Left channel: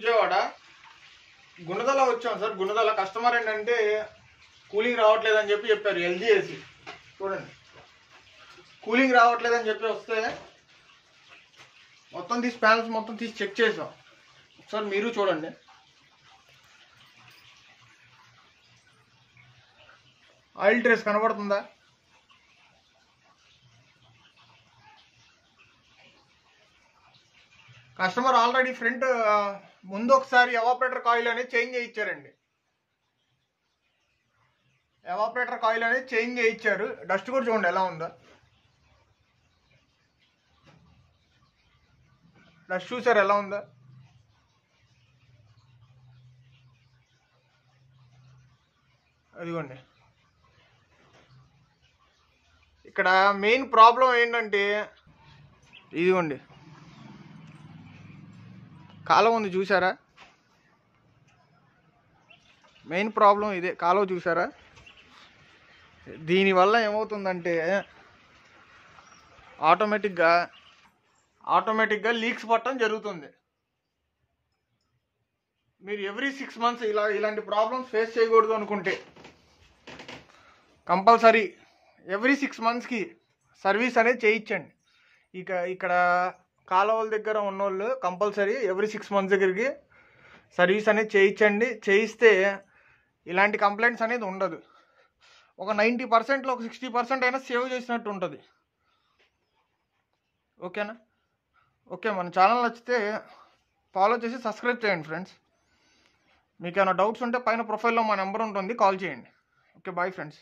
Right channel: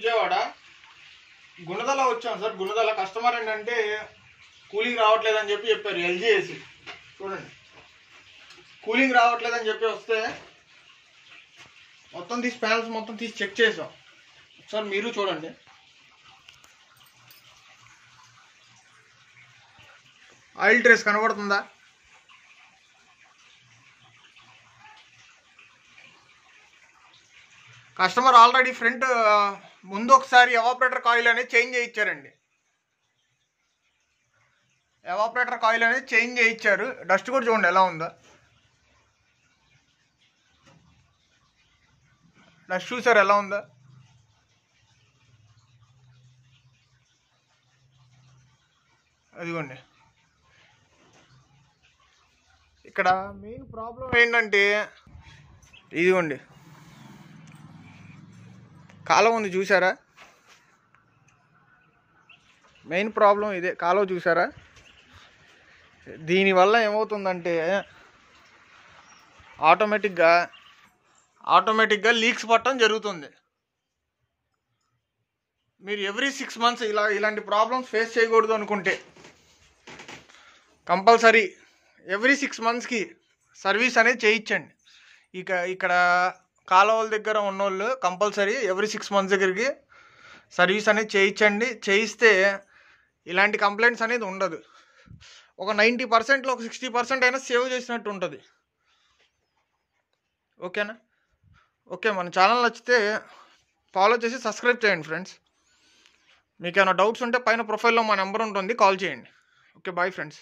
విజయవాడ గుణదల వచ్చాం sir. Gunadala customer ఏంటంటే cooling రావట్లేదని చెప్పారు. ఎల్జీ ఏసీ చూడండి, కూలింగ్ రావట్లేదని చెప్పి వస్తే మొత్తం తీసి ప్యానల్స్ మొత్తం తీసి చెక్ చేసాం. సార్ మీరు చూడండి, ఆయిల్ ట్రేస్ కనబడుతుందా? కస్టమర్ ఆల్రెడీ ఫ్రంట్ ముందు ఒకసారి ఎవాపరేటర్ కాయిల్ అనేది చేంజ్ చేయించారండి. ఎవాపరేటర్ కాయిల్ అనేది చేంజ్ చేయించారు. డస్ట్ కూడా చూడండి ఎలా ఉందో. డస్ట్ చూసారు ఎలా ఉందో. అదిగోండి, ఇక్కడ మెయిన్ ప్రాబ్లం ఏంటంటే ఇదిగోండి కాలువ ఉంది చూసారా? మెయిన్ ప్రాబ్లం ఇదే, కాలువ చూసారా? దీనివల్ల ఏమవుతుందంటే ఆటోమేటిక్గా లీక్స్ పట్టడం జరుగుతుంది. మీరు ఎవ్రీ 6 months ఇలాంటి ప్రాబ్లమ్స్ ఫేస్ చేయకూడదు అనుకుంటే కంపల్సరీ ఎవ్రీ 6 monthsకి సర్వీస్ అనేది చేయించండి. ఇక్కడ కాలువల దగ్గర ఉన్నోళ్ళు కంపల్సరీ ఎవ్రీ 6 months దగ్గరికి సర్వీస్ అనేది చేయించండి. చేయిస్తే ఇలాంటి కంప్లైంట్స్ అనేది ఉండదు. ఒక 90%లో ఒక 60% అయినా సేవ్ చేసినట్టు ఉంటుంది. ఓకేనా? ఓకే, మన ఛానల్ నచ్చితే ఫాలో చేసి సబ్స్క్రైబ్ చేయండి ఫ్రెండ్స్. మీకు ఏమైనా డౌట్స్ ఉంటే పైన ప్రొఫైల్లో మా నెంబర్ ఉంటుంది, కాల్ చేయండి. Okay, bye friends.